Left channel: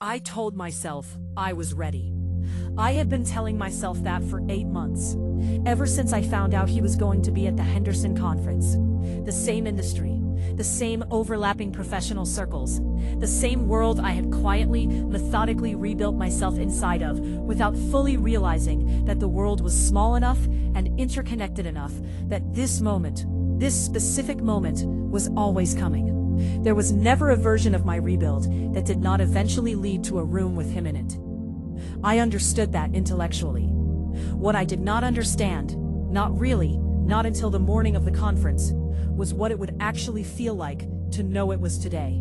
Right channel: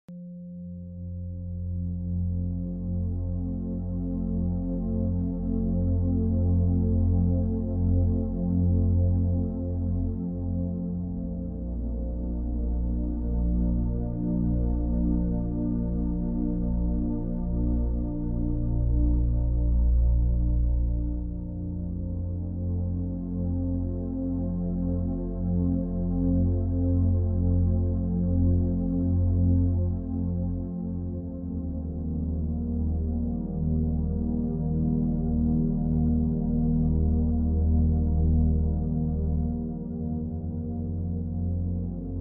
I told myself I was ready. I had been telling myself that for 8 months, ever since I found out he was going to be at the Henderson conference. The same industry, the same overlapping professional circles, the same world I had quietly, methodically rebuilt myself inside of without fully realizing that the world was small enough and interconnected enough that this moment, this specific moment, was always coming. There was never a version of my rebuild that did not eventually lead to a room with him in it. I understood that intellectually. What I did not understand, not really, not until the morning of the conference, was what it would actually feel like to know it was today.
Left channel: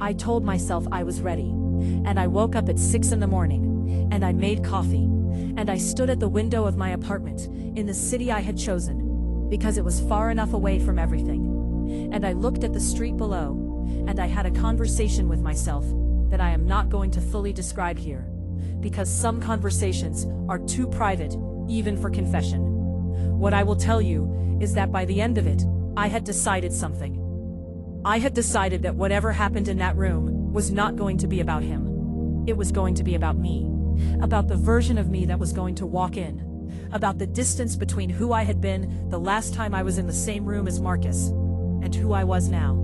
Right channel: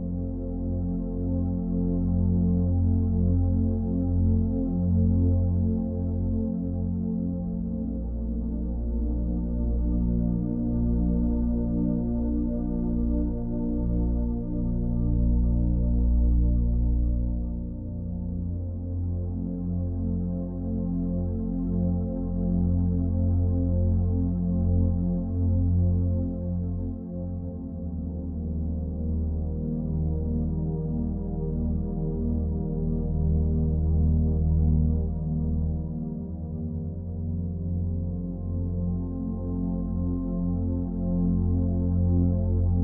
I told myself I was ready, and I woke up at 6 in the morning, and I made coffee, and I stood at the window of my apartment in the city I had chosen, because it was far enough away from everything. And I looked at the street below, and I had a conversation with myself that I am not going to fully describe here, because some conversations are too private, even for confession. What I will tell you is that by the end of it, I had decided something. I had decided that whatever happened in that room was not going to be about him. It was going to be about me, about the version of me that was going to walk in, about the distance between who I had been the last time I was in the same room as Marcus, and who I was now.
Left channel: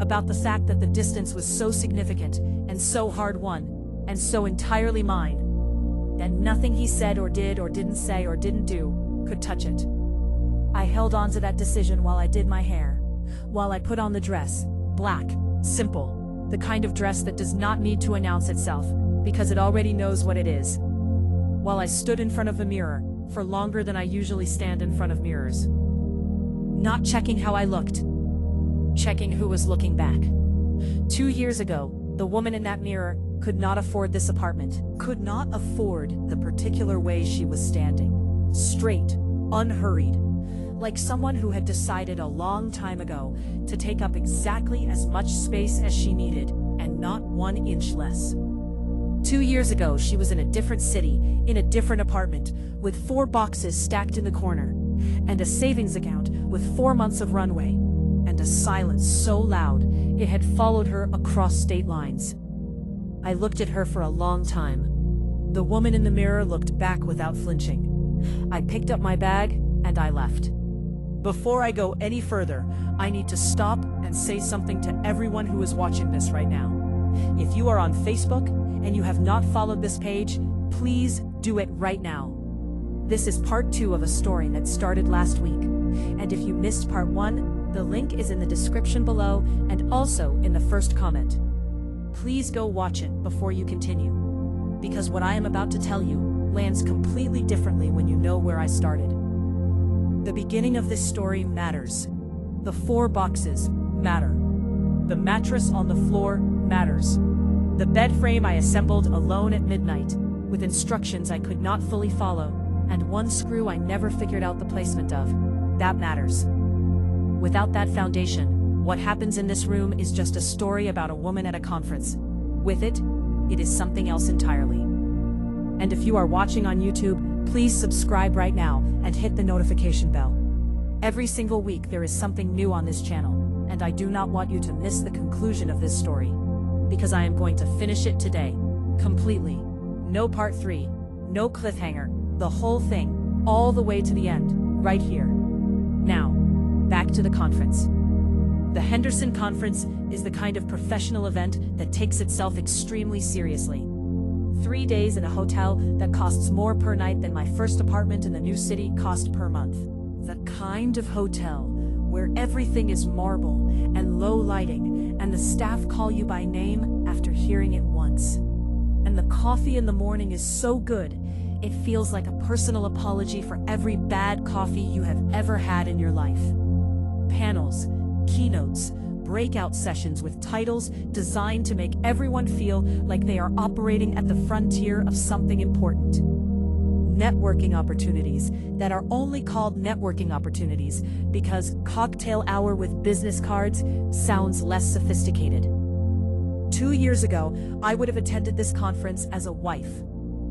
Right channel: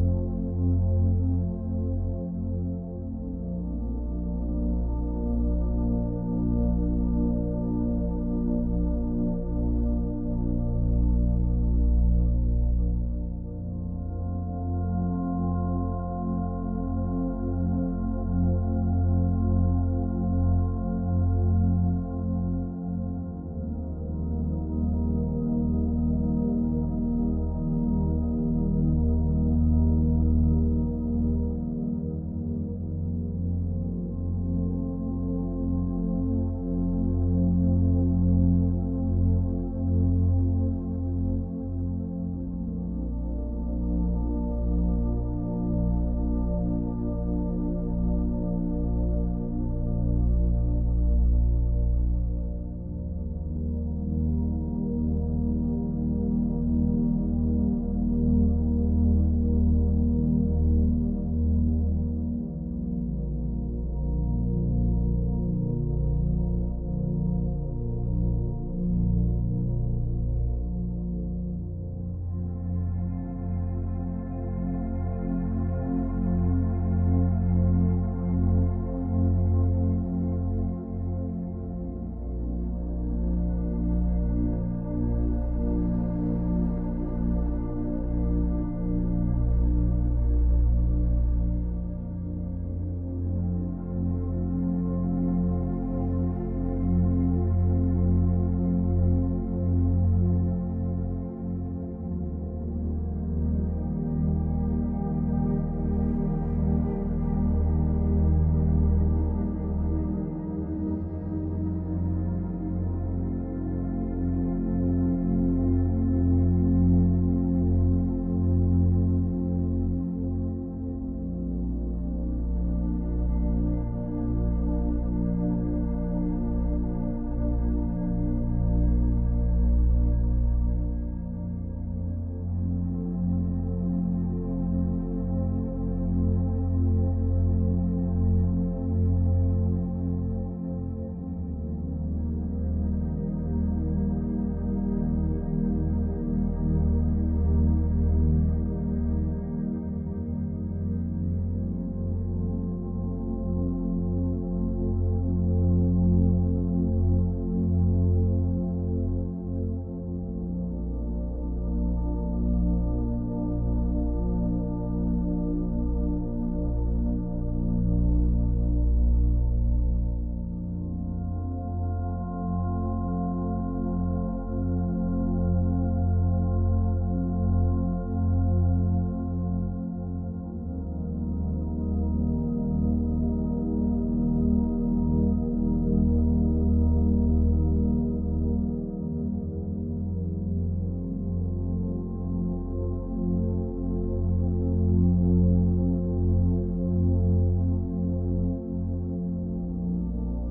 About the fact that the distance was so significant and so hard-won and so entirely mine that nothing he said or did or didn't say or didn't do could touch it. I held on to that decision while I did my hair, while I put on the dress, black, simple, the kind of dress that does not need to announce itself because it already knows what it is, while I stood in front of the mirror for longer than I usually stand in front of mirrors. Not checking how I looked, checking who was looking back. 2 years ago, the woman in that mirror could not afford this apartment, could not afford the particular way she was standing. Straight, unhurried, like someone who had decided a long time ago to take up exactly as much space as she needed, and not 1 inch less. 2 years ago, she was in a different city, in a different apartment, with 4 boxes stacked in the corner, and a savings account with 4 months of runway, and a silence so loud it had followed her across state lines. I looked at her for a long time. The woman in the mirror looked back without flinching. I picked up my bag and I left. Before I go any further, I need to stop and say something to everyone who is watching this right now. If you are on Facebook and you have not followed this page, please do it right now. This is part 2 of a story that started last week, and if you missed part 1, the link is in the description below and also in the first comment. Please go watch it before you continue, because what I am about to tell you lands completely differently when you know where I started. The beginning of this story matters. The 4 boxes matter. The mattress on the floor matters. The bed frame I assembled alone at midnight, with instructions I could not fully follow, and 1 screw I never figured out the placement of, that matters. Without that foundation, what happens in this room is just a story about a woman at a conference. With it, it is something else entirely. And if you are watching on YouTube, please subscribe right now and hit the notification bell. Every single week there is something new on this channel, and I do not want you to miss the conclusion of this story, because I am going to finish it today, completely. No part 3, no cliffhanger, the whole thing, all the way to the end, right here. Now, back to the conference. The Henderson Conference is the kind of professional event that takes itself extremely seriously. 3 days in a hotel that costs more per night than my first apartment in the new city cost per month. The kind of hotel where everything is marble and low lighting, and the staff call you by name after hearing it once. And the coffee in the morning is so good, it feels like a personal apology for every bad coffee you have ever had in your life. Panels, keynotes, breakout sessions with titles designed to make everyone feel like they are operating at the frontier of something important. Networking opportunities that are only called networking opportunities because cocktail hour with business cards sounds less sophisticated. 2 years ago, I would have attended this conference as a wife,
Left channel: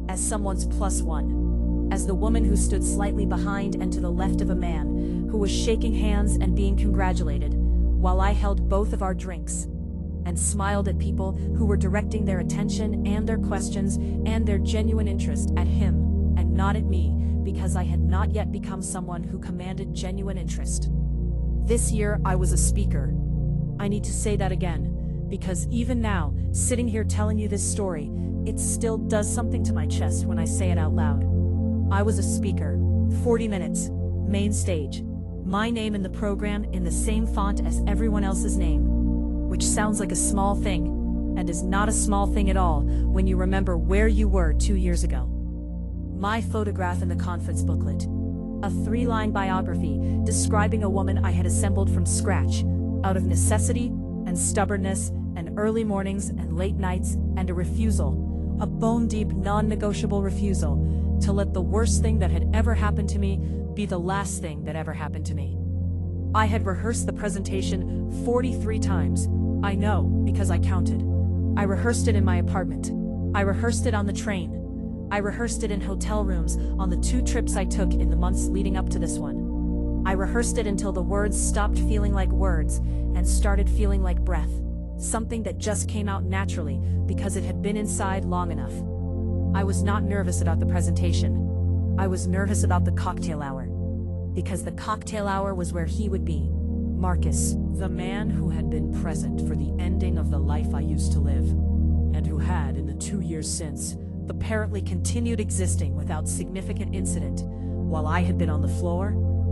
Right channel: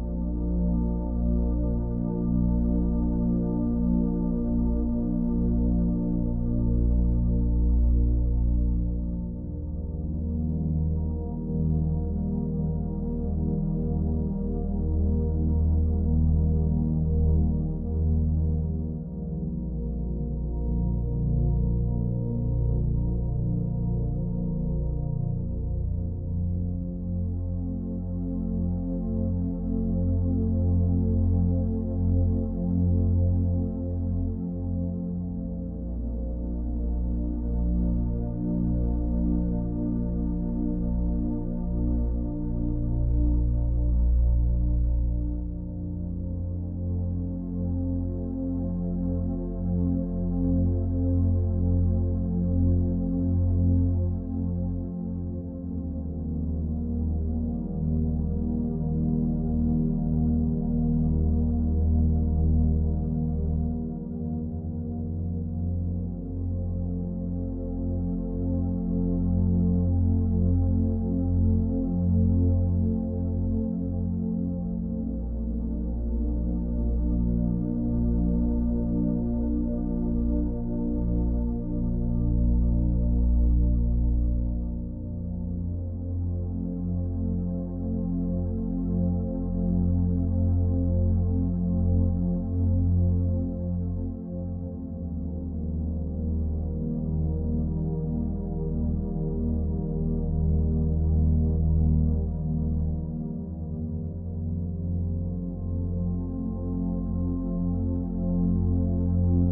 as someone's +1, as the woman who stood slightly behind and to the left of a man who was shaking hands and being congratulated while I held both of our drinks. and smiled at people who were directing their attention and their questions and their genuine interest at him and not at me, because I had not yet become someone who commanded genuine interest. This year, I was a speaker. I need to say that again, because even now, sitting here telling you this story, it still does something to my chest when I say it out loud. I was a speaker, 40 minutes, main stage, my name in the program in the same font as everyone else's name, which sounds like a small thing, and is not a small thing at all when you remember where you were 2 years ago. My photograph in the conference booklet, a 3-line biography describing a woman I had assembled from scratch, out of necessity and stubbornness and early mornings and late nights and a refusal, a bone-deep, non-negotiable refusal to let the worst thing that had ever happened to me be the last thing that ever happened to me. I had rehearsed the presentation 43 times. I know, because I counted. I rehearsed it in my apartment. I rehearsed it on the train. I rehearsed it in hotel rooms on the 2 trips I took in the months leading up to this one. I rehearsed it until the words stopped feeling like words and started feeling like breath, something that just came out naturally because it had been inside long enough. I was not nervous about the presentation. I was nervous about the cocktail hour, because the cocktail hour was where he would be, Marcus, the man who had been present for the ending of the life I used to live, and who had, in the 2 years since, apparently continued existing without significant incident, while I had been on the floor,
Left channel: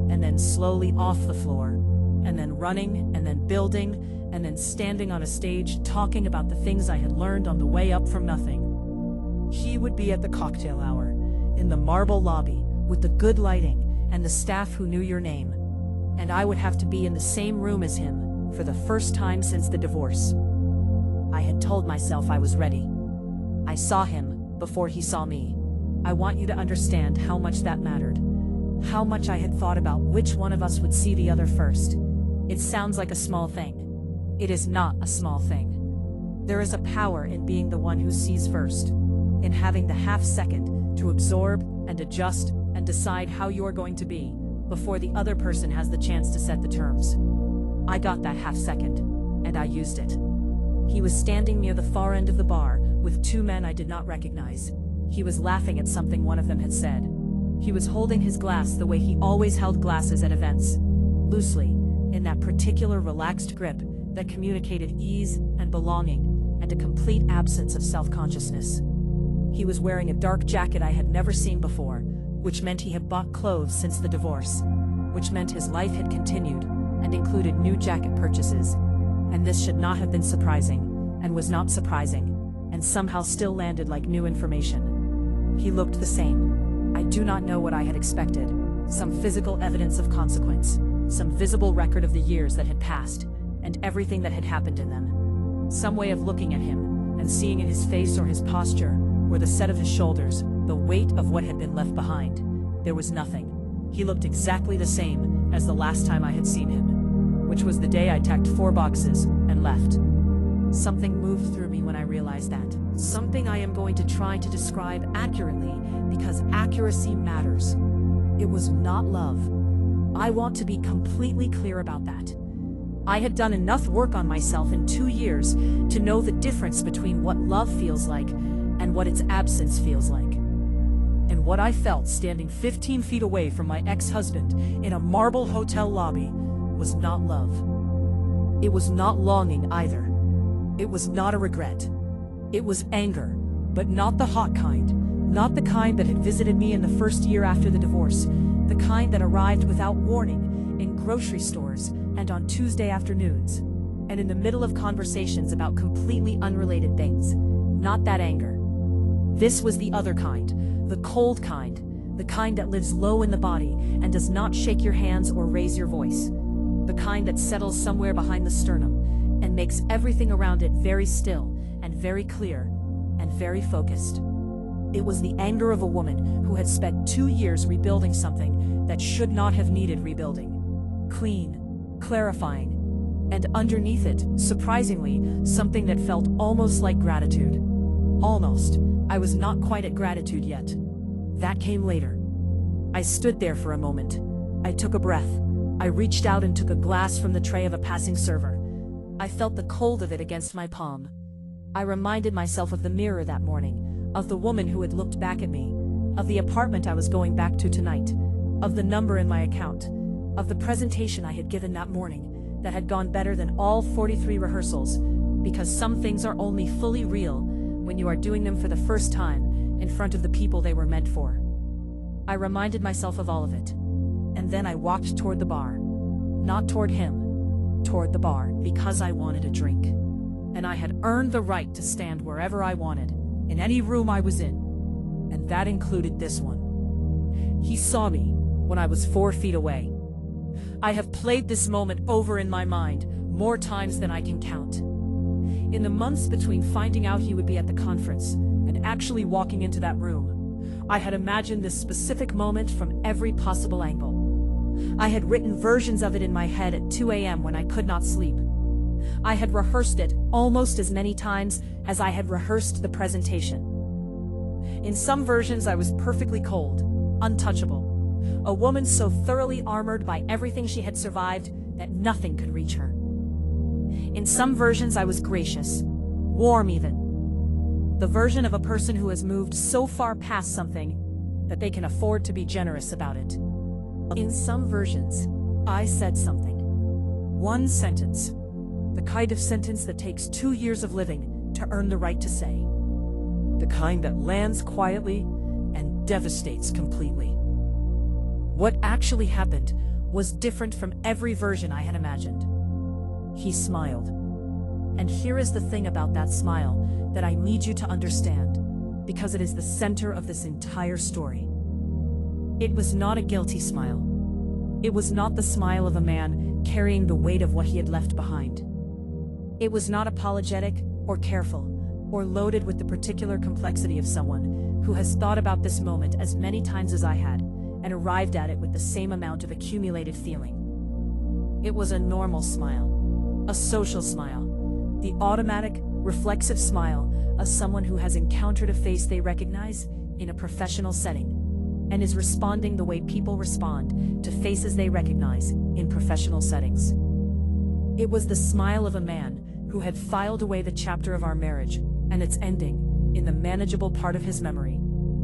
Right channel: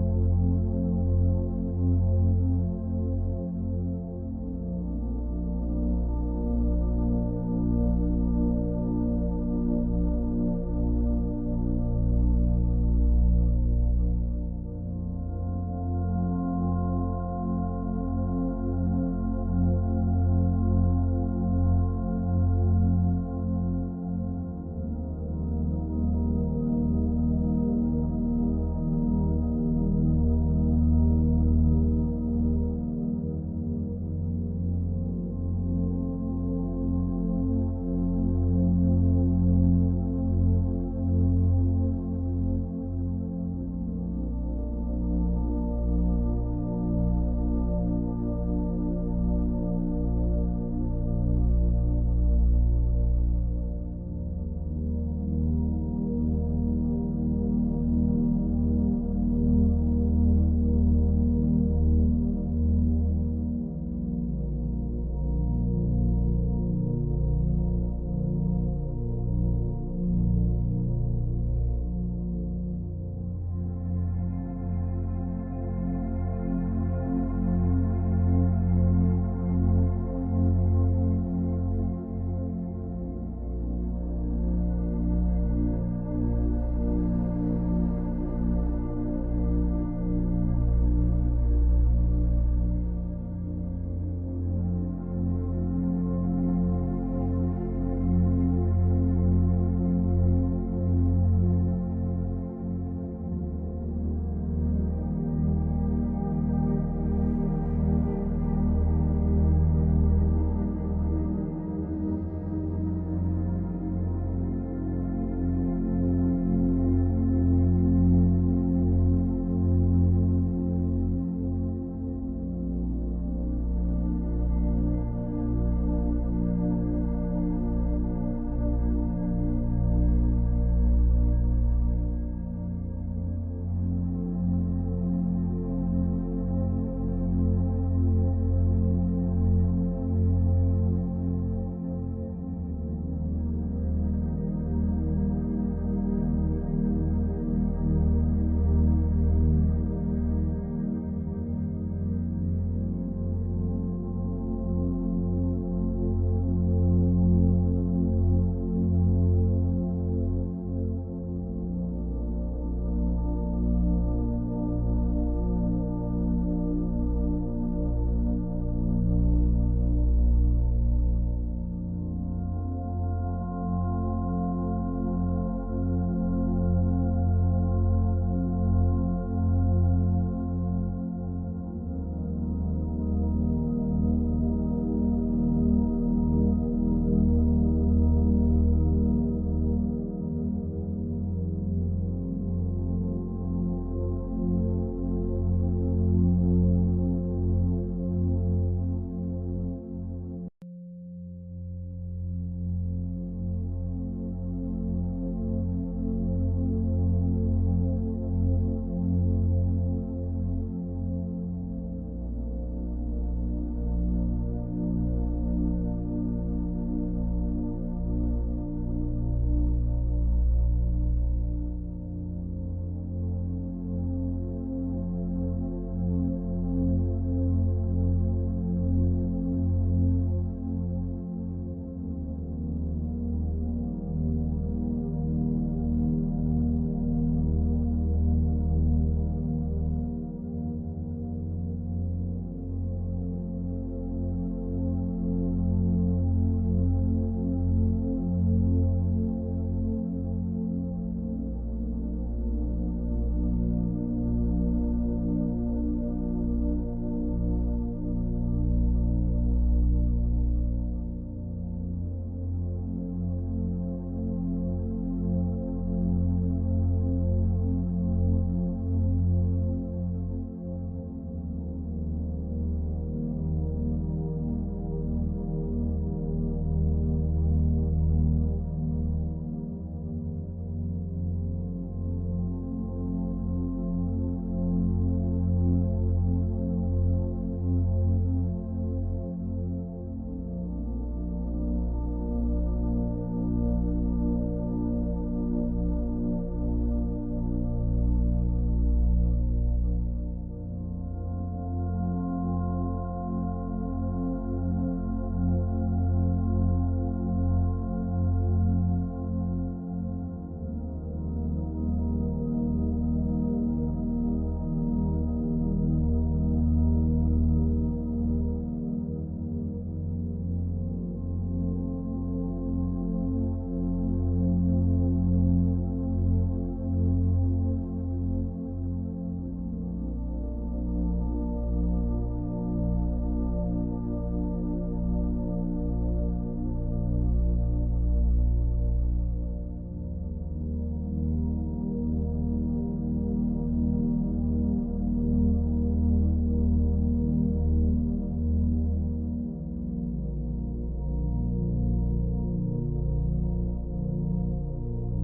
and then slowly off the floor, and then running, and then building, and then standing on a stage talking about the things I had learned on the way up from nothing. He would be at the cocktail hour, in the marble lobby, with the good lighting, and the staff who knew your name, and I would have to be in the same room as him for the first time since the divorce. I had told myself I was ready. I saw him before he saw me. I want you to understand how much that mattered, how much I had thought about which one of us would see the other first. It sounds like a small thing. It is not a small thing. There is a power in being the one who sees first, in having the half second to absorb and adjust and decide how you are going to be before the other person has the chance to set the terms. I got that half second, and I used it. He was standing near the far end of the bar with 2 men I did not recognize. He was laughing at something one of them had said. He was holding his glass the way he always held glasses at events, loosely, in that particular relaxed grip that communicated ease and belonging and a complete absence of self-consciousness. He was wearing a dark jacket I had never seen before, which meant he had bought clothes since the divorce, which meant his life had continued and included new jacket purchases. And this should not have been surprising, and was not surprising, and somehow still landed like new information. He looked the same. I do not know what I had expected. Some physical evidence of consequence, some visible record of the years that had passed, and everything that had happened in them. Some way of looking at him, and seeing in his face or his posture, or the set of his shoulders, the weight of what had been left behind. There was nothing. He looked exactly the same as the last time I had seen him, which was the day I tacked 4 boxes and left. Something moved through me when I realized that. Something I am going to try to describe accurately, because accuracy matters. It was not love. I want to be completely clear about that. I had done enough work on myself in 2 years to know the difference between what love feels like and what its absence feels like. And what I felt standing 15 feet away from my ex-husband in a marble hotel lobby was not love. It was not longing either. It was not a regret. It was anger, but not the hot kind, not the kind that had visited me in the first year after the divorce, the kind that arrived without warning in grocery stores and on Tuesday afternoons, and in the middle of conversations about completely unrelated things. Not that anger. This was the other kind, the cold kind, the kind that lives low in the body and does not shake your hands or raise your voice, the kind that settles somewhere behind the sternum and makes everything around it very still and very clear and very focused. It was the anger of a woman who had spent 2 years rebuilding something that should not have needed rebuilding. Clean, clarifying, and underneath it, surprisingly, something that felt almost like gratitude. Almost. I was not quite at gratitude yet. That came later. I stood there for a moment. I took a breath. I reached out and took a glass from the tray of a passing server. I felt the cold of it against my palm. I reminded myself of the mirror that morning, of the woman who had looked back at me, of the apartment I was going back to tonight, of the number in my account, of the presentation I had given that morning that had gone better than all 43 rehearsals, because some things are only fully real when you are doing them for the first time in front of the people they were meant for. I reminded myself of all of it, and then I walked toward the bar. Not toward him, toward the bar, because I wanted a drink. And I had earned the right to stand wherever I wanted, in any room I was in, and that included this one. He saw me when I was 4 feet away. I have played this moment over in my mind more times than I can count. In the months between finding out he would be at the conference and actually walking into that room, I had imagined this specific moment from every possible angle. I had written versions of it in my head at 2 a.m. when I could not sleep. I had rehearsed it almost as many times as I had rehearsed the presentation. In some versions, I was perfectly cold, untouchable, a woman so thoroughly armored by everything she had survived that nothing could reach her. In some versions, I was gracious, warm even, the version of a person who has moved so far past something that they can afford to be generous about it. In some versions, I said something. One sentence. The kind of sentence that takes 2 years of living to earn the right to say. The kind that lands quietly and devastates completely. What actually happened was different from every version I had imagined. He smiled. And here is the thing about that smile that I need you to understand, because it is the center of this entire story. It was not a guilty smile. It was not the smile of a man carrying the weight of what he had left behind. It was not apologetic or careful or loaded with the particular complexity of someone who has thought about this moment as many times as I had and arrived at it with the same amount of accumulated feeling. It was a normal smile, a social smile, the automatic, reflexive smile of someone who has encountered a face they recognize in a professional setting and is responding the way people respond to faces they recognize in professional settings. It was the smile of a man who had filed away the chapter of our marriage and its ending in the manageable part of his memory,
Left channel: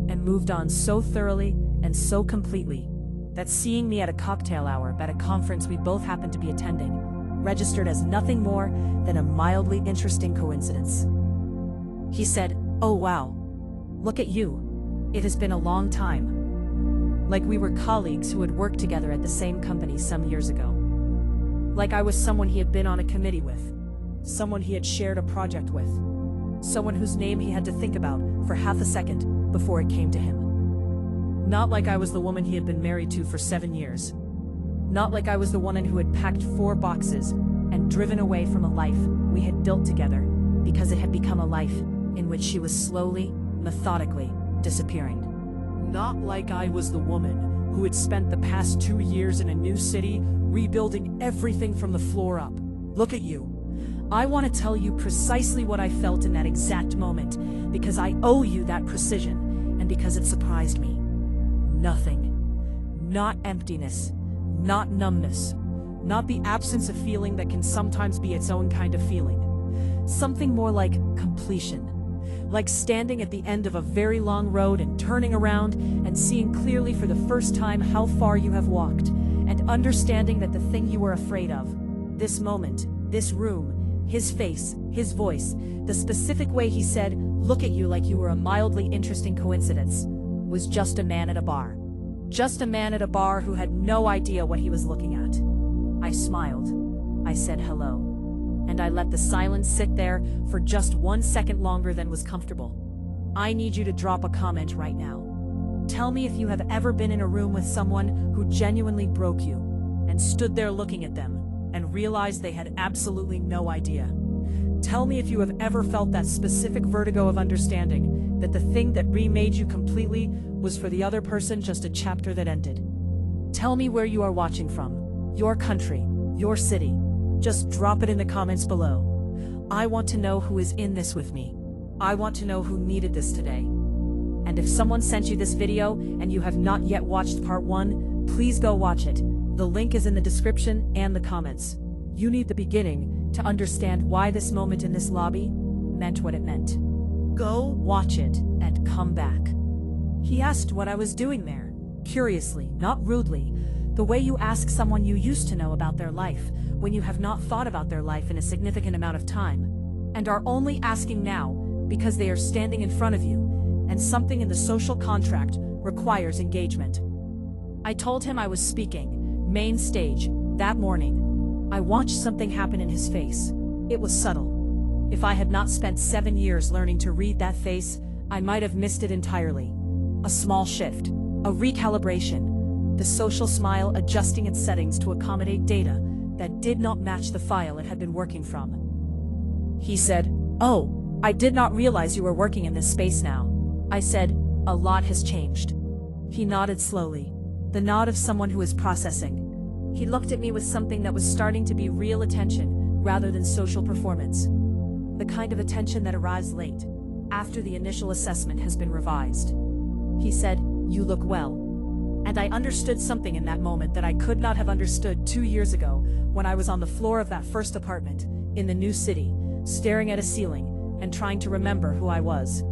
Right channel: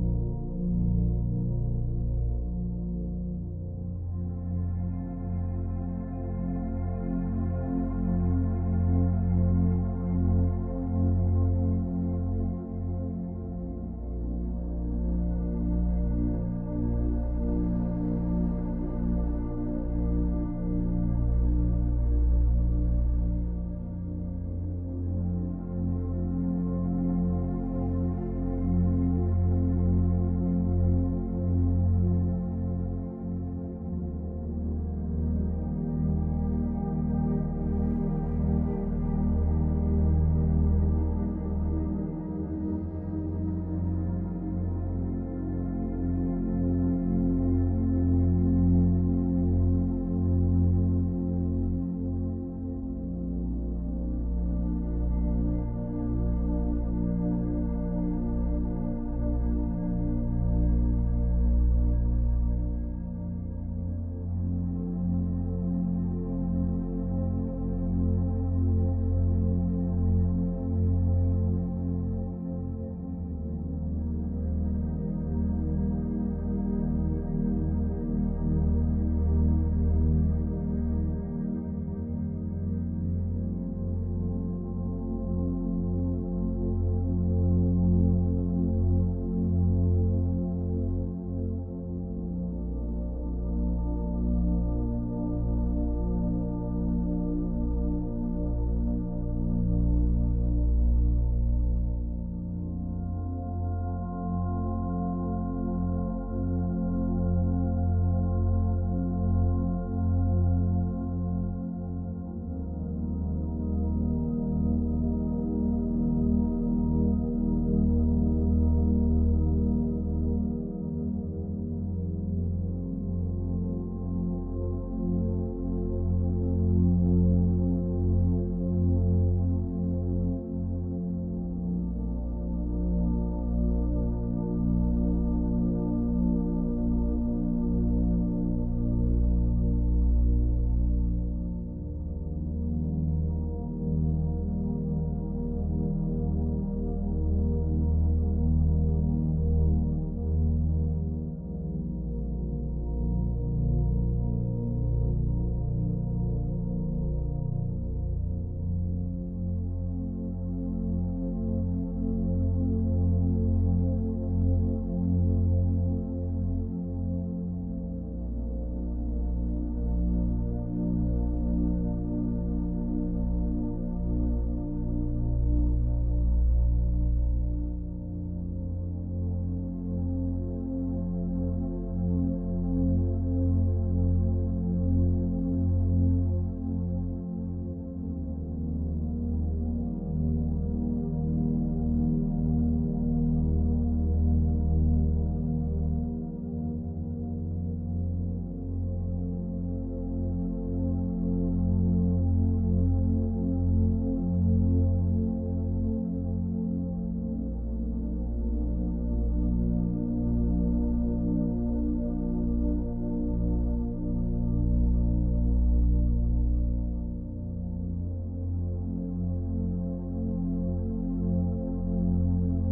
and moved on so thoroughly and so completely that seeing me at a cocktail hour at a conference we both happened to be attending registered as nothing more than a mildly interesting coincidence. He said, "Oh wow, look at you. It has been a long time." Like we were colleagues who had worked together at the same company some years ago. Like I was someone he had been on a committee with, someone he had shared a project with, someone whose name he had to think about for half a second before it came to him. Not like I was the woman he had been married to for 7 years. Not like I was the woman who had packed 4 boxes and driven away from a life we had built together because it had become a life in which she was slowly, methodically disappearing. Not like I was the woman who had spent the past 2 years in a new city rebuilding everything from the floor up. Look at you. I want to tell you precisely what I felt in that exact moment because I owe you that precision and because it surprised me. Nothing. Not emptiness. Not numbness. Not the absence of feeling that can sometimes be its own kind of feeling. Something more like completion. Like standing at the end of a very long road and turning around and seeing clearly for the first time how far you have walked, and understanding that the thing you were afraid of, this moment, this room, his face, his voice, the specific way he said, "Look at you like you were a mildly interesting coincidence," was just a man at a bar. Just a man at a bar who had no idea what he was looking at. I smiled. I said hello. And I let the silence sit there for just 1 second longer than was comfortable. I need you to drop a comment right now. Tell me if you have ever been in a room with someone who genuinely broke you and stood there looking at them and realized they had absolutely no idea. Tell me if you have ever felt that specific vertigo of understanding that the thing that remade you completely was for the other person just a chapter that ended. Tell me where you are watching from, your country, your city. Just drop it in the comments below. I want to know who is in this with me. I want to know who needed this today. And if someone sent you this video and you have not yet watched part 1, please go watch it. The link is in the description and the comments. You need the beginning to understand why this moment in this lobby meant what it meant. Go watch it and come back. He asked what I was doing there, curiously, not rudely, the way you ask someone you used to know about their life when you have not thought about their life in a significant amount of time, and are only asking now because they are standing in front of you, and something in the social contract requires engagement. I told him I was speaking, main stage, that morning. I watched something happen in his face. It was subtle. If I had not spent 7 years learning to read that face, I might have missed it entirely. A small shift, a recalibration, the social smile adjusting its settings to accommodate data that did not match the file it had been working from. He said, "Oh, I did not realize you were working in this space now." I said, "A lot has changed." He nodded slowly, the nod of someone who is processing. He looked at me with something that was starting to be real attention rather than social performance. The kind of attention that arrives late, after the initial assessment has been revised. He said, "You look well." And I understood something in that moment that I could not have understood 2 years ago when I was on the floor of that first apartment, in the new city, staring at a ceiling and trying to remember who I was.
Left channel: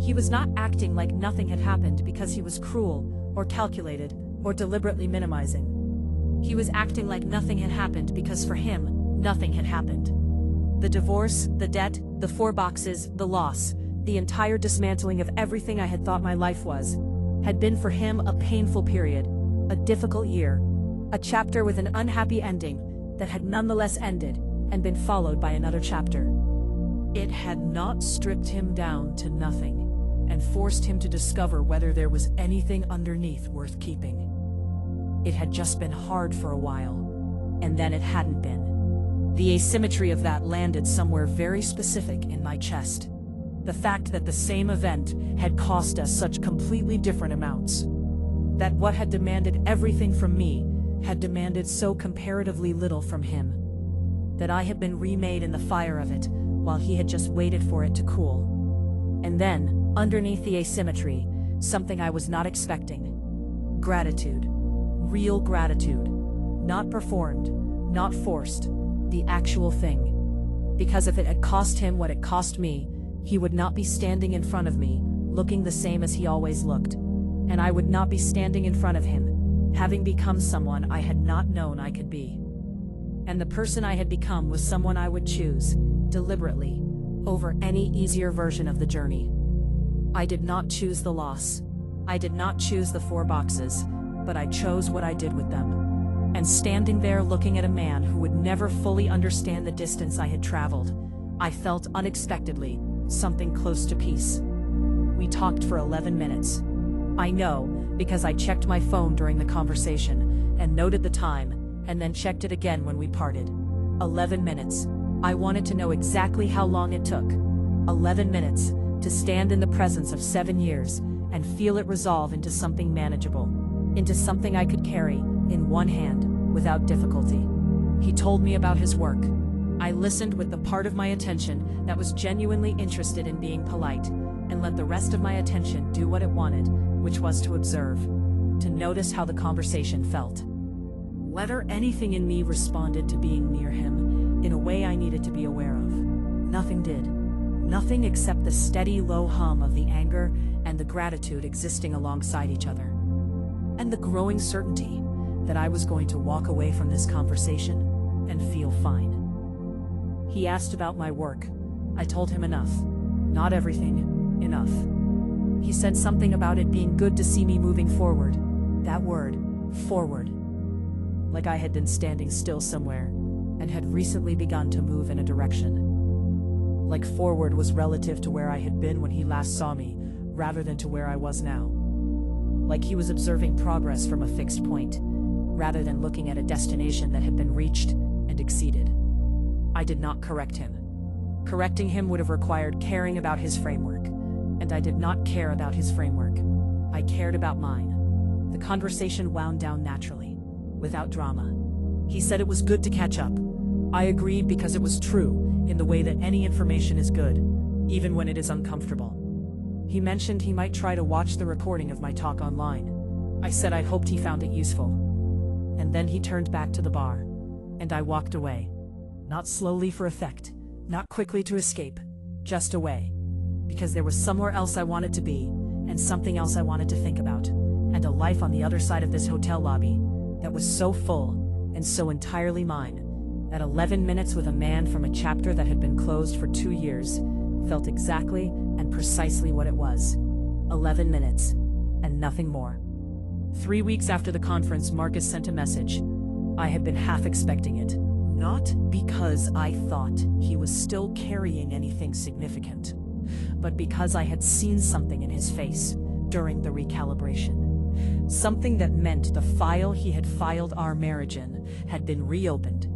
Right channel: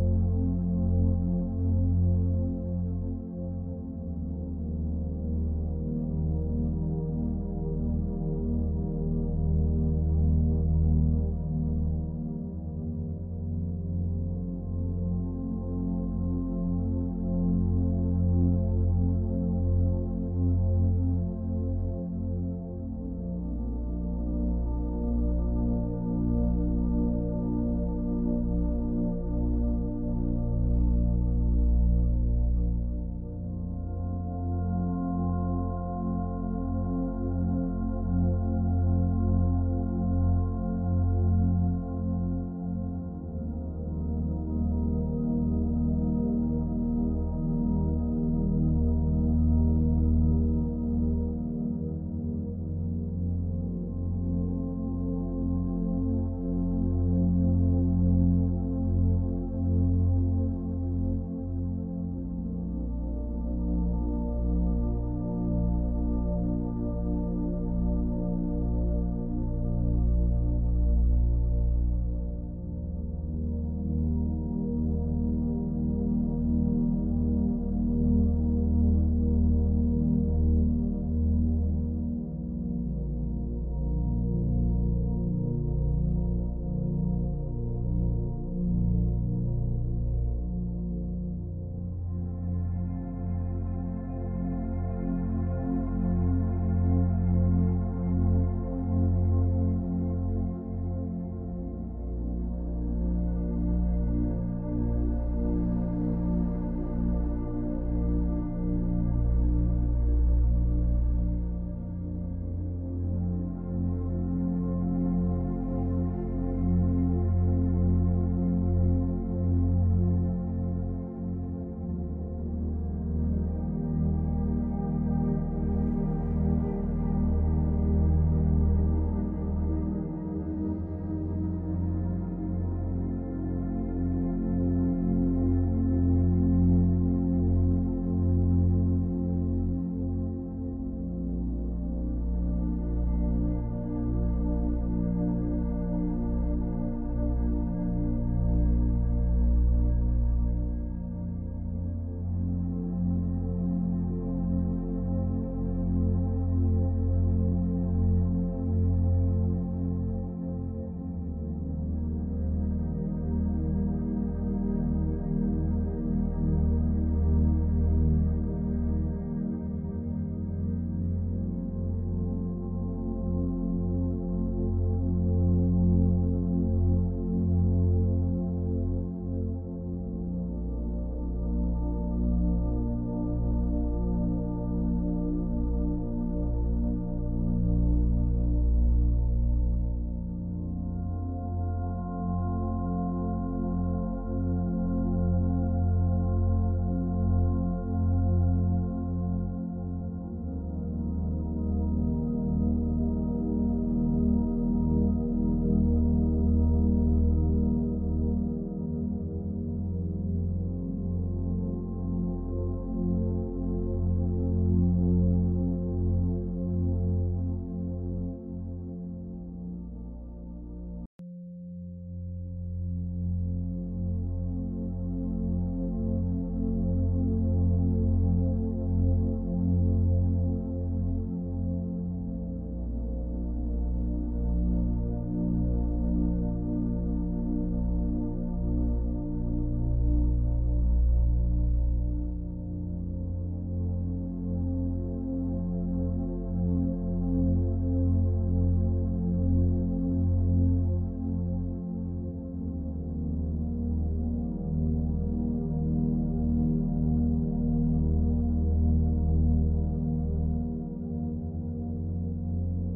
He was not acting like nothing had happened because he was cruel, or calculated, or deliberately minimizing. He was acting like nothing had happened because for him, nothing had happened. The divorce, the debt, the 4 boxes, the loss, the entire dismantling of everything I had thought my life was, had been for him a painful period, a difficult year, a chapter with an unhappy ending that had nonetheless ended and been followed by another chapter. It had not stripped him down to nothing and forced him to discover whether there was anything underneath worth keeping. It had just been hard for a while, and then it hadn't been. The asymmetry of that landed somewhere very specific in my chest. The fact that the same event had cost us such completely different amounts. That what had demanded everything from me had demanded so comparatively little from him. That I had been remade in the fire of it, while he had just waited for it to cool. And then, underneath the asymmetry, something I was not expecting. Gratitude. Real gratitude. Not performed, not forced, the actual thing. Because if it had cost him what it cost me, he would not be standing in front of me, looking the same as he always looked. And I would not be standing in front of him, having become someone I had not known I could be. And the person I had become was someone I would choose, deliberately, over any easier version of the journey. I did not choose the loss. I did not choose the 4 boxes, but I chose what I did with them. And standing there looking at a man who would never fully understand the distance I had traveled, I felt unexpectedly something close to peace. We talked for 11 minutes. I know, because I checked my phone during the conversation, and noted the time, and then checked it again when we parted. 11 minutes. I wanted to know exactly how long it took. 11 minutes, to stand in the presence of 7 years, and feel it resolve into something manageable. Into something I could carry, in one hand, without difficulty. He told me about his work. I listened with the part of my attention that was genuinely interested in being polite, and let the rest of my attention do what it wanted, which was to observe, to notice how the conversation felt. Whether anything in me responded to being near him, in a way I needed to be aware of. Nothing did. Nothing except the steady low hum of the anger and the gratitude existing alongside each other. And the growing certainty that I was going to walk away from this conversation and feel fine. He asked about my work. I told him enough. Not everything, enough. He said something about it being good to see me moving forward. That word, forward. Like I had been standing still somewhere, and had recently begun to move in a direction. Like forward was relative to where I had been when he last saw me, rather than to where I was now. Like he was observing progress from a fixed point, rather than looking at a destination that had been reached and exceeded. I did not correct him. Correcting him would have required caring about his framework, and I did not care about his framework. I cared about mine. The conversation wound down naturally, without drama. He said it was good to catch up. I agreed because it was true, in the way that any information is good, even when it is uncomfortable. He mentioned he might try to watch the recording of my talk online. I said I hoped he found it useful. And then he turned back to the bar, and I walked away. Not slowly for effect, not quickly to escape, just away. Because there was somewhere else I wanted to be, and something else I wanted to think about, and a life on the other side of this hotel lobby that was so full and so entirely mine that 11 minutes with a man from a chapter that had been closed for 2 years felt exactly and precisely what it was. 11 minutes, and nothing more. 3 weeks after the conference, Marcus sent a message. I had been half expecting it. Not because I thought he was still carrying anything significant, but because I had seen something in his face during the recalibration. Something that meant the file he had filed our marriage in had been reopened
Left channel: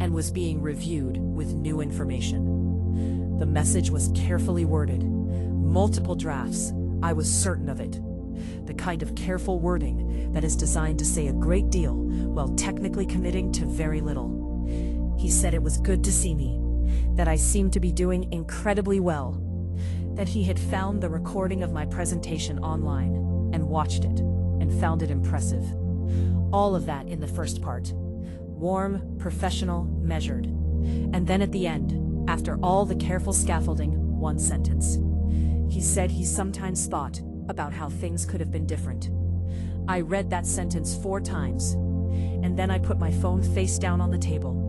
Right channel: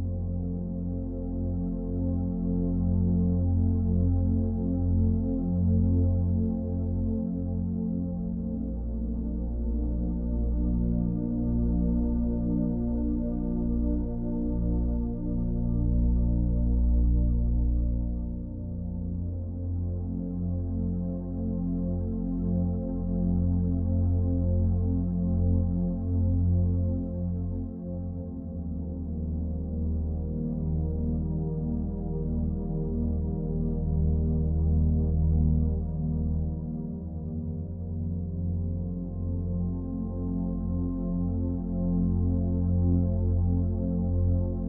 and was being reviewed with new information. The message was carefully worded. Multiple drafts, I was certain of it. The kind of careful wording that is designed to say a great deal while technically committing to very little. He said it was good to see me, that I seemed to be doing incredibly well, that he had found the recording of my presentation online and watched it and found it impressive. All of that in the first part. Warm, professional, measured. And then at the end, after all the careful scaffolding, one sentence. He said he sometimes thought about how things could have been different. I read that sentence 4 times, and then I put my phone face down on the table,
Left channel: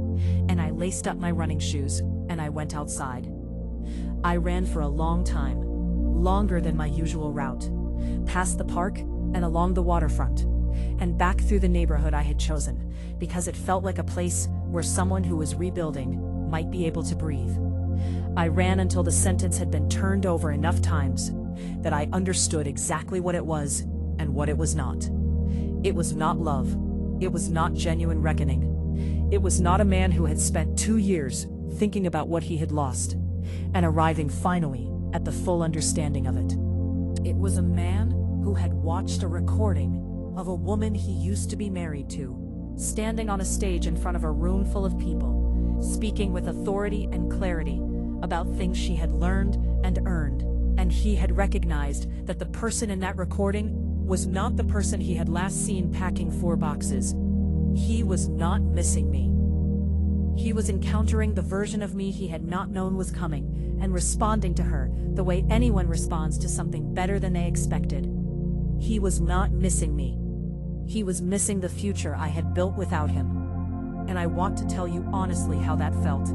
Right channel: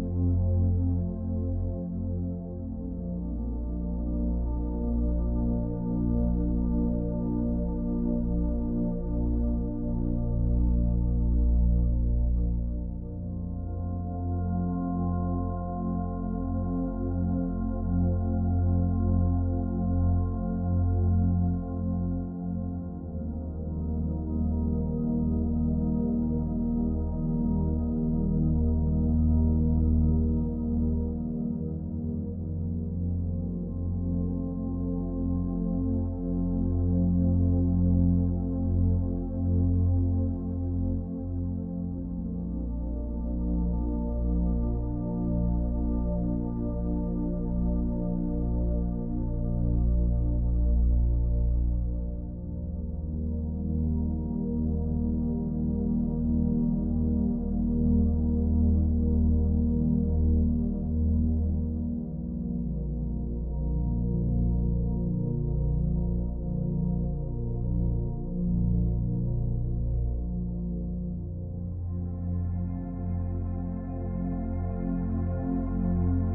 and I laced up my running shoes, and I went outside. I ran for a long time, longer than my usual route, past the park and along the waterfront, and back through the neighborhood I had chosen, because it felt like a place where someone who was rebuilding might be able to breathe. I ran until the sentence had been turned over enough times that I understood exactly what it was and what it was not. It was not love. It was not genuine reckoning. It was not a man who had spent 2 years thinking about what he had lost and arriving finally at the full understanding of it. It was a man who had watched a recording of a woman he used to be married to, standing on a stage in front of a room full of people, speaking with authority and clarity about things she had learned and earned, and he had recognized that the person in that recording was not the person he had last seen packing 4 boxes. He was not missing me. He was encountering the version of me he had not known was coming, and responding to her the way anyone responds to something better than they expected. He was not missing me. He was missing the future I had built without him. And I want to tell you honestly how that felt,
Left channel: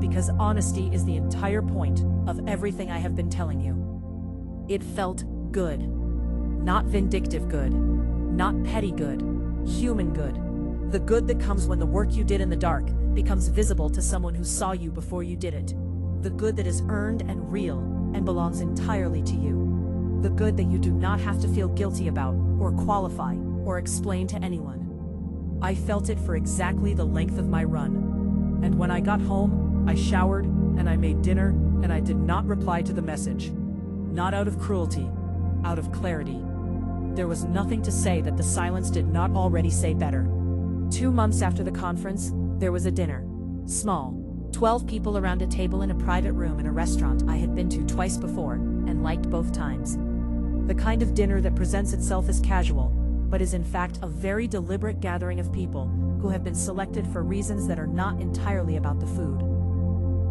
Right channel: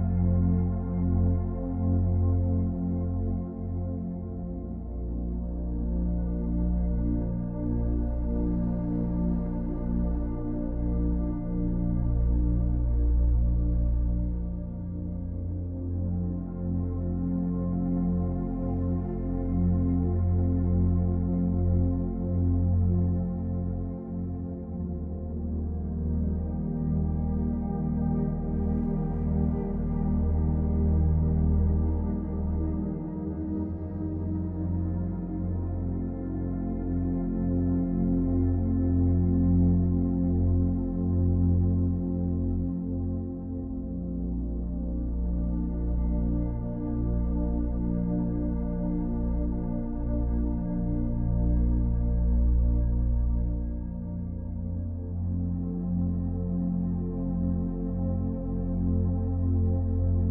because honesty is the entire point of everything I have been telling you. It felt good. Not vindictive good, not petty good, human good. The good that comes when the work you did in the dark becomes visible to someone who saw you before you did it. The good that is earned and real and belongs entirely to you. The good that you do not have to feel guilty about or qualify or explain to anyone. I felt it for exactly the length of my run. And when I got home, I showered and I made dinner and I did not reply to the message. Not out of cruelty, out of clarity. There was nothing to say that the silence did not already say better. 2 months after the conference, there was a dinner. Small, 12 people around a table in a private room in a restaurant I had been to twice before and liked both times. The kind of dinner that presents itself as casual, but is in fact a very deliberate gathering of people who have been selected for reasons that are not entirely about the food.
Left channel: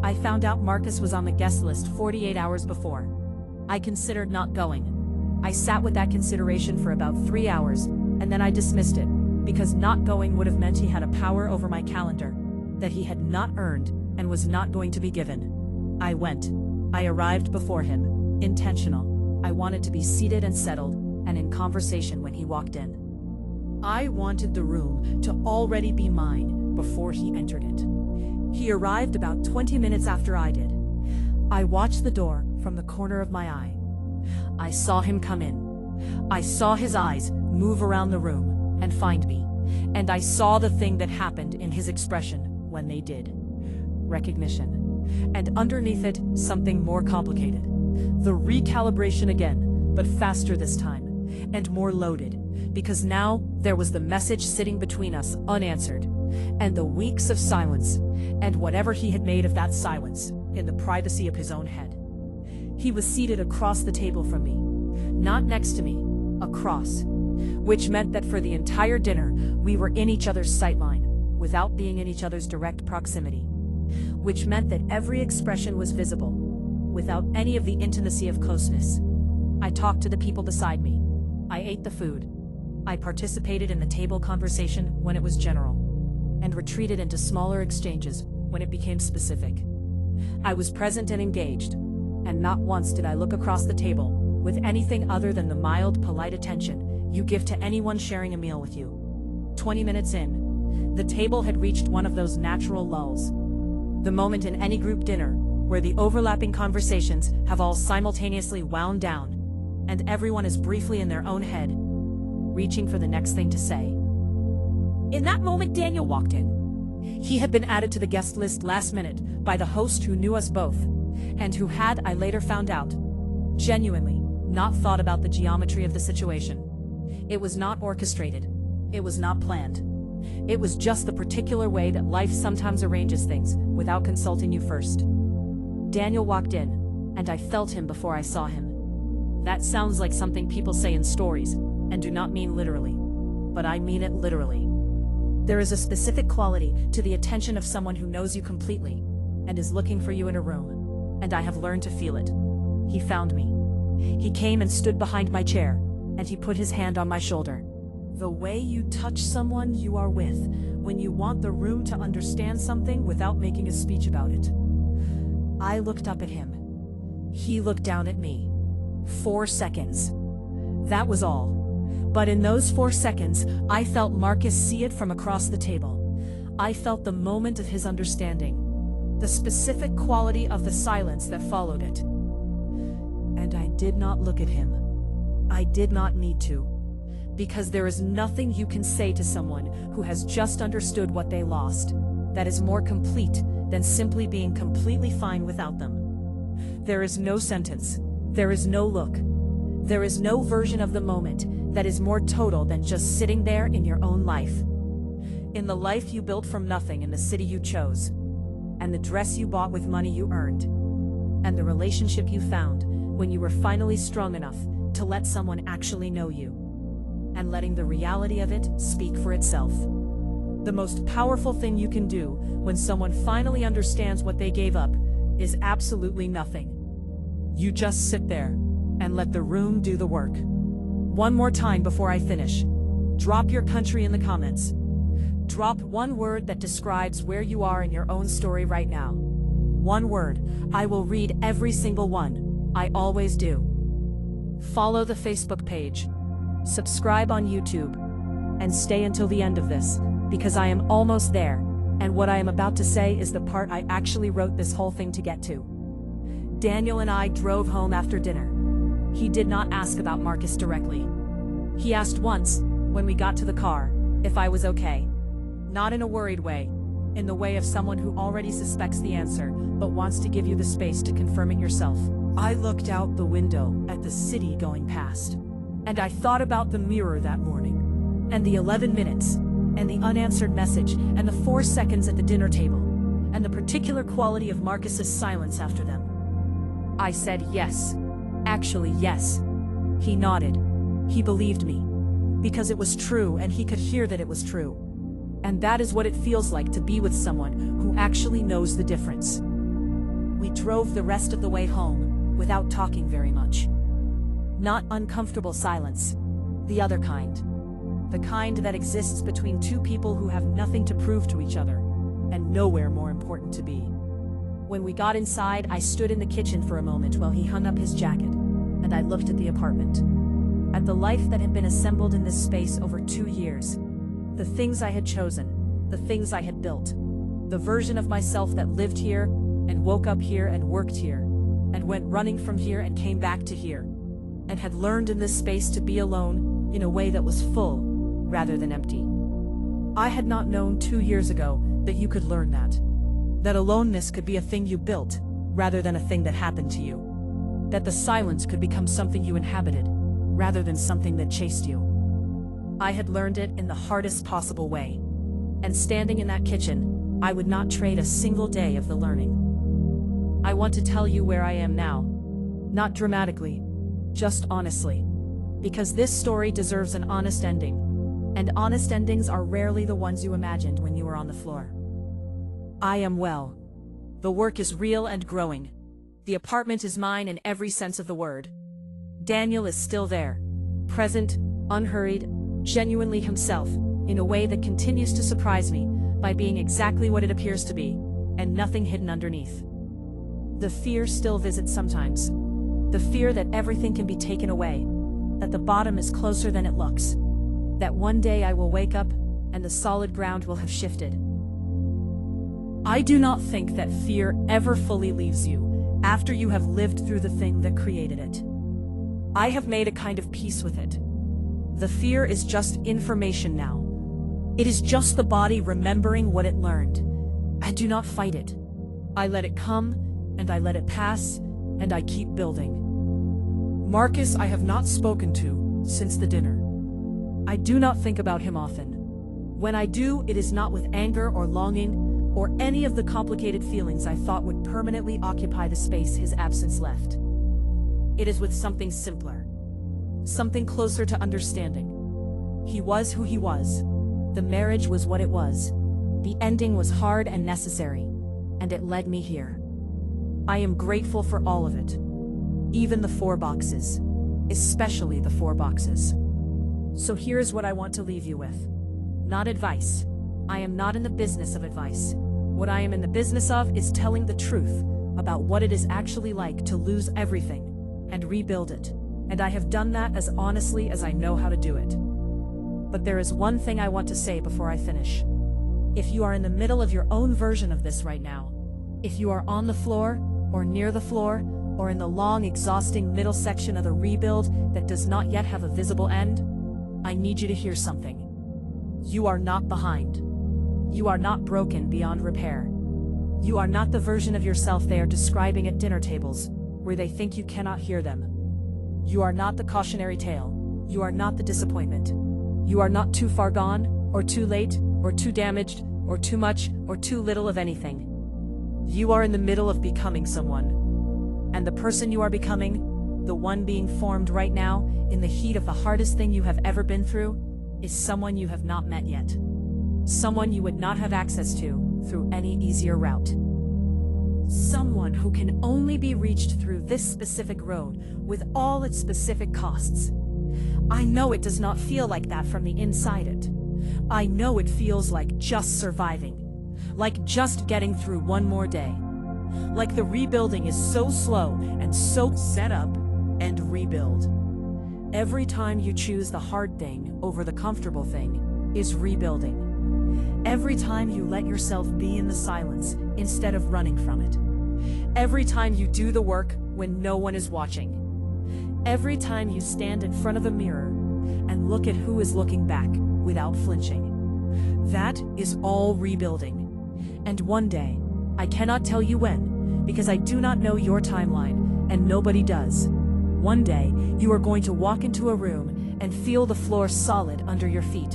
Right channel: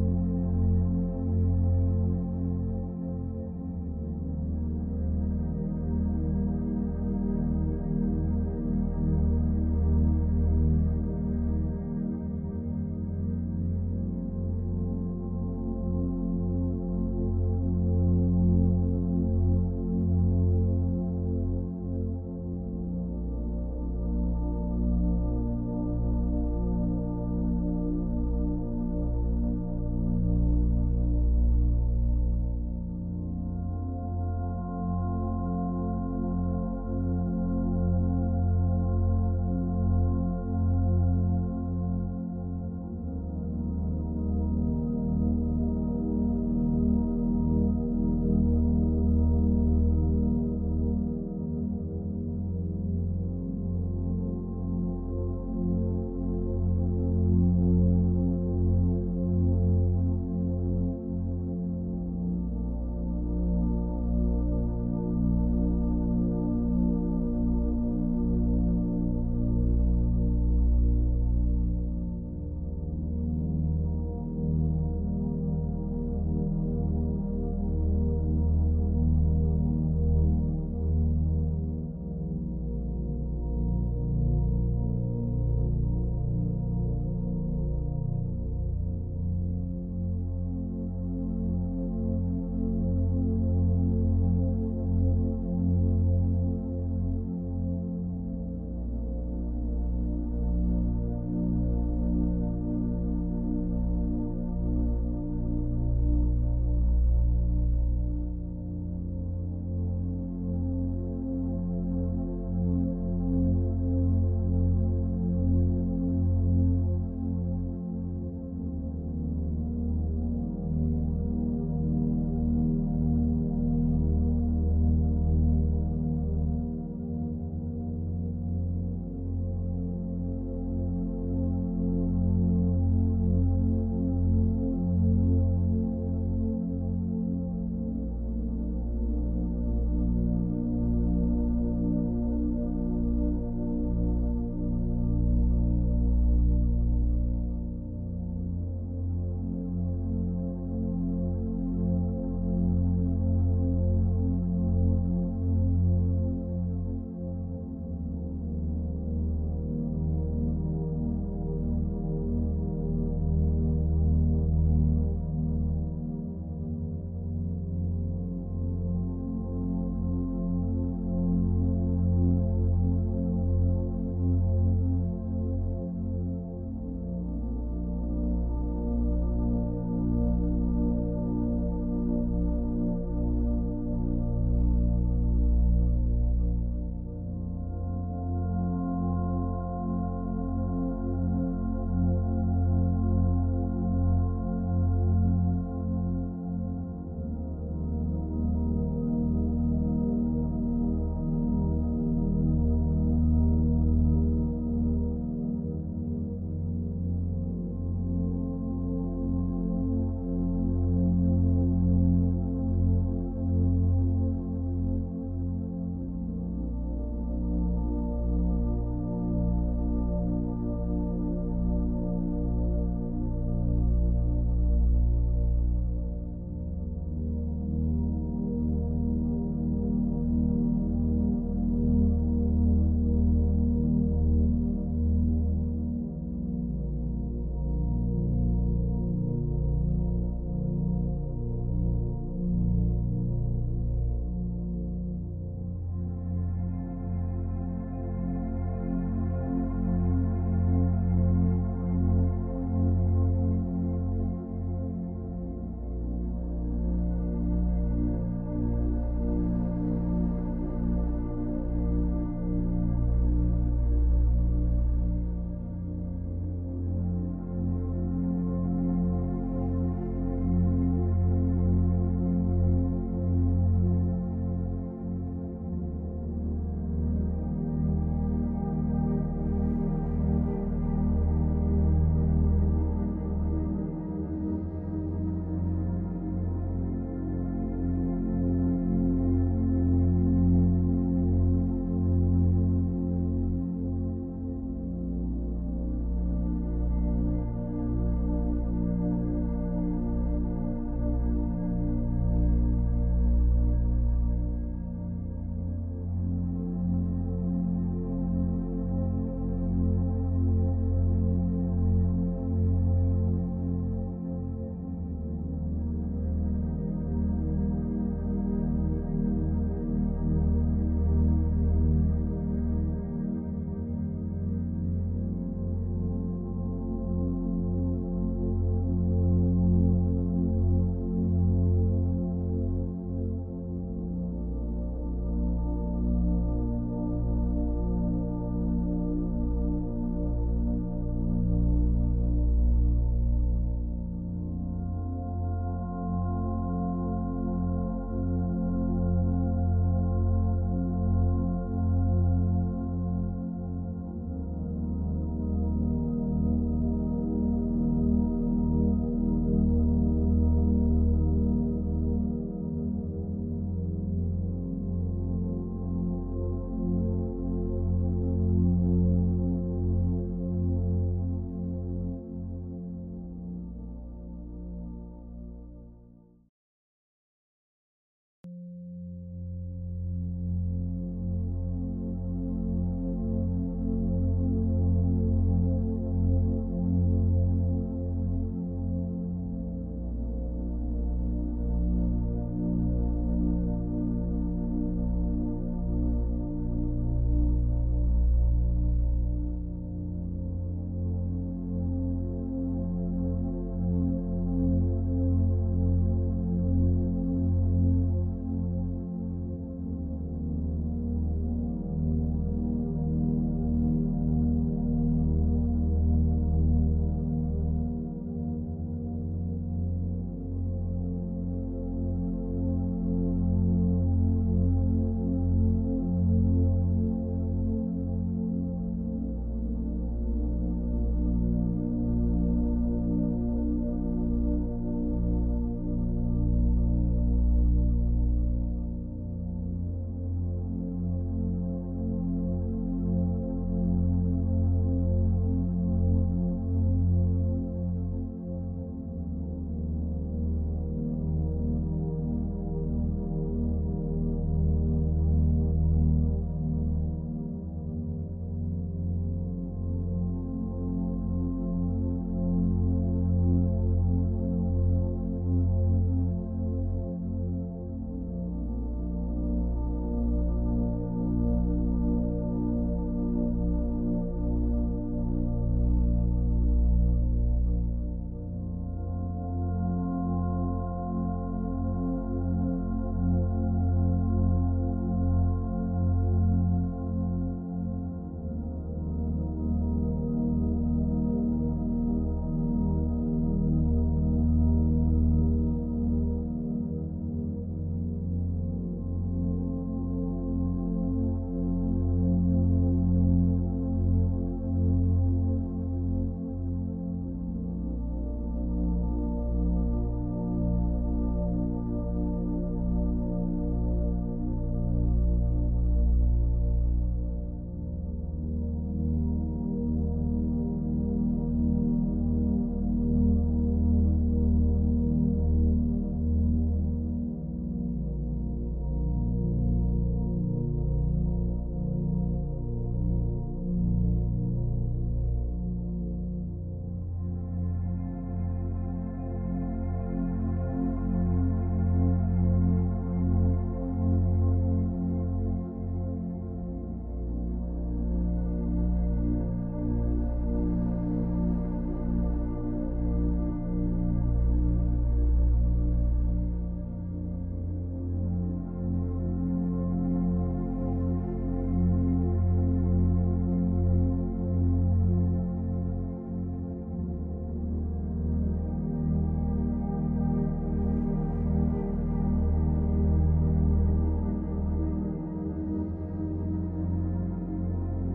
I found out Marcus was on the guest list 48 hours before. I considered not going. I sat with that consideration for about 3 hours, and then I dismissed it, because not going would have meant he had a power over my calendar that he had not earned and was not going to be given. I went. I arrived before him, intentional. I wanted to be seated and settled and in conversation when he walked in. I wanted the room to already be mine before he entered it. He arrived about 20 minutes after I did. I watched the door from the corner of my eye. I saw him come in. I saw his eyes move around the room and find me, and I saw the thing that happened in his expression when they did. Recognition. And underneath it, something more complicated. The recalibration again, but faster this time, and more loaded, because now there was the message sitting between us unanswered, and the weeks of silence, and whatever he had made of that silence in the privacy of his own head. He was seated across the table from me, not next to me, across, which meant that for the entire dinner, we were in each other's sightline, without being in each other's direct proximity. which meant that every expression was visible, without any of the intimacy of closeness. I talked to the people beside me. I ate the food. I participated in the table conversation when it was general, and retreated into smaller exchanges when it became specific. I was present and engaged, and not once did I look across the table with anything other than the mild, polite attention you give to anyone sharing a meal with you. 20 minutes in, the table had reached one of those natural lulls. The moment in any group dinner where the overlapping conversations have all simultaneously wound down, and everyone is briefly in their own head, reaching for the next thing to say. In that moment, Daniel walked in. He had been added to the guest list last minute by the host who knew us both, and who had, I later found out, genuinely not thought about the geometry of the situation. It was not orchestrated. It was not planned. It was just the particular way that life sometimes arranges things without consulting you first. Daniel walked in, and I felt him before I saw him. That sounds like something people say in stories, and do not mean literally. But I mean it literally. There is a specific quality to the attention of someone who knows you completely, and is looking for you in a room, and I have learned to feel it. He found me. He came and stood behind my chair, and he put his hand on my shoulder. The way you touch someone you are with when you want the room to understand something without making a speech about it. I looked up at him. He looked down at me. 4 seconds. That was all. But in those 4 seconds, I felt Marcus see it from across the table. I felt the moment of his understanding, the specific quality of the silence that followed it. And I did not look at him. I did not need to. Because there is nothing you can say to someone who has just understood what they lost that is more complete than simply being completely fine without them. There is no sentence. There is no look. There is no version of the moment that is more total than just sitting there in your own life. In the life you built from nothing in the city you chose, and the dress you bought with money you earned, and the relationship you found when you were finally strong enough to let someone actually know you, and letting the reality of it speak for itself. The most powerful thing you can do when someone finally understands what they gave up is absolutely nothing. You just sit there and let the room do the work. One more time before I finish. Drop your country in the comments. Drop one word that describes where you are in your own story right now. One word. I will read every single one. I always do. Follow the Facebook page. Subscribe on YouTube. And stay until the end of this, because I am almost there, and what I am about to say is the part I actually wrote this whole thing to get to. Daniel and I drove home after dinner. He did not ask about Marcus directly. He asked once, when we got to the car, if I was okay. Not in a worried way, in the way of someone who already suspects the answer, but wants to give you the space to confirm it yourself. I looked out the window at the city going past, and I thought about the mirror that morning, and the 11 minutes, and the unanswered message, and the 4 seconds at the dinner table, and the particular quality of Marcus's silence after them. I said yes. Actually, yes. He nodded. He believed me. Because it was true and he could hear that it was true. And that is what it feels like to be with someone who actually knows the difference. We drove the rest of the way home without talking very much. Not uncomfortable silence. The other kind. The kind that exists between two people who have nothing to prove to each other, and nowhere more important to be. When we got inside, I stood in the kitchen for a moment while he hung up his jacket, and I looked at the apartment. At the life that had been assembled in this space over 2 years. The things I had chosen, the things I had built. The version of myself that lived here, and woke up here and worked here, and went running from here and came back to here, and had learned in this space to be alone in a way that was full, rather than empty. I had not known 2 years ago that you could learn that. That aloneness could be a thing you built, rather than a thing that happened to you. That the silence could become something you inhabited, rather than something that chased you. I had learned it in the hardest possible way. And standing in that kitchen, I would not trade a single day of the learning. I want to tell you where I am now. Not dramatically, just honestly. Because this story deserves an honest ending. And honest endings are rarely the ones you imagined when you were on the floor. I am well. The work is real and growing. The apartment is mine in every sense of the word. Daniel is still there, present, unhurried, genuinely himself, in a way that continues to surprise me by being exactly what it appears to be, and nothing hidden underneath. The fear still visits sometimes. The fear that everything can be taken away, that the bottom is closer than it looks, that one day I will wake up and the solid ground will have shifted. I do not think that fear ever fully leaves you after you have lived through the thing that created it. I have made a kind of peace with it. The fear is just information now. It is just the body remembering what it learned. I do not fight it. I let it come, and I let it pass, and I keep building. Marcus I have not spoken to since the dinner. I do not think about him often. When I do, it is not with anger or longing, or any of the complicated feelings I thought would permanently occupy the space his absence left. It is with something simpler, something closer to understanding. He was who he was. The marriage was what it was. The ending was hard and necessary, and it led me here. I am grateful for all of it. Even the 4 boxes. Especially the 4 boxes. So here's what I want to leave you with. Not advice. I am not in the business of advice. What I am in the business of is telling the truth about what it is actually like to lose everything and rebuild it. And I have done that as honestly as I know how to do it. But there is one thing I want to say before I finish. If you are in the middle of your own version of this right now, if you are on the floor, or near the floor, or in the long, exhausting middle section of the rebuild that does not yet have a visible end, I need you to hear something. You are not behind. You are not broken beyond repair. You are not the version of yourself they are describing at dinner tables, where they think you cannot hear them. You are not the cautionary tale. You are not the disappointment. You are not too far gone, or too late, or too damaged, or too much, or too little of anything. You are in the middle of becoming someone. And the person you are becoming, the one being formed right now, in the heat of the hardest thing you have ever been through, is someone you have not met yet. Someone you would not have access to through any easier route. Someone who can only be reached through this specific road with all its specific costs. I know it does not feel like that from the inside it. I know it feels like just surviving, like just getting through one more day. Like the rebuilding is so slow and so set up and rebuild. Every time you choose the hard thing over the comfortable thing is rebuilding. Every time you let yourself be in the silence instead of running from it. Every time you do the work when no one is watching. Every time you stand in front of a mirror and look at who is looking back without flinching. That is all rebuilding. And one day, I cannot tell you when, because I do not know your timeline, and nobody does. One day, you are going to walk into a room and feel the floor solid under your feet,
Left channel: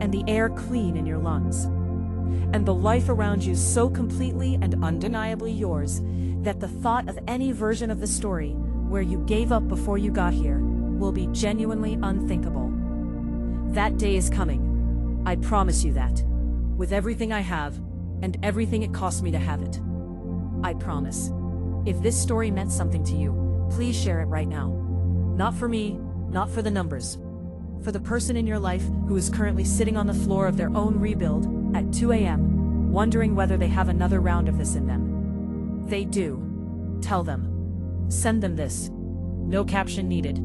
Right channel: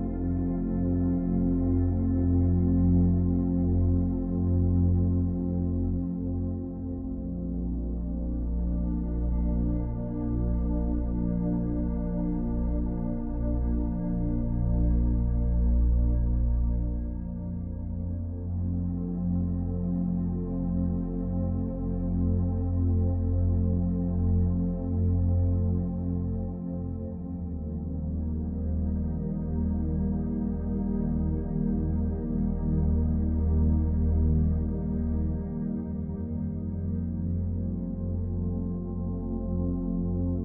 and the air clean in your lungs, and the life around you so completely and undeniably yours that the thought of any version of the story where you gave up before you got here will be genuinely unthinkable. That day is coming. I promise you that. With everything I have, and everything it cost me to have it. I promise. If this story meant something to you, please share it right now. Not for me, not for the numbers. For the person in your life who is currently sitting on the floor of their own rebuild at 2 a.m., wondering whether they have another round of this in them. They do. Tell them. Send them this. No caption needed.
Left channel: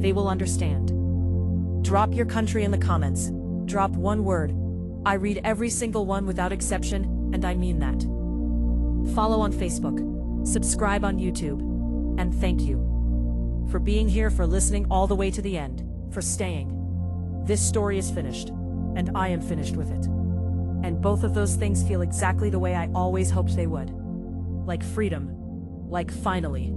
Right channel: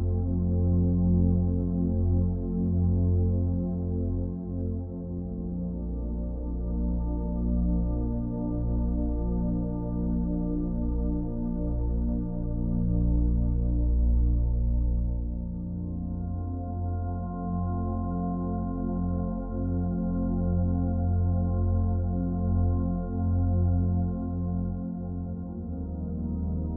They will understand. Drop your country in the comments. Drop one word. I read every single one without exception, and I mean that. Follow on Facebook. Subscribe on YouTube. And thank you. For being here, for listening all the way to the end, for staying. This story is finished, and I am finished with it. And both of those things feel exactly the way I always hoped they would. Like freedom. Like finally.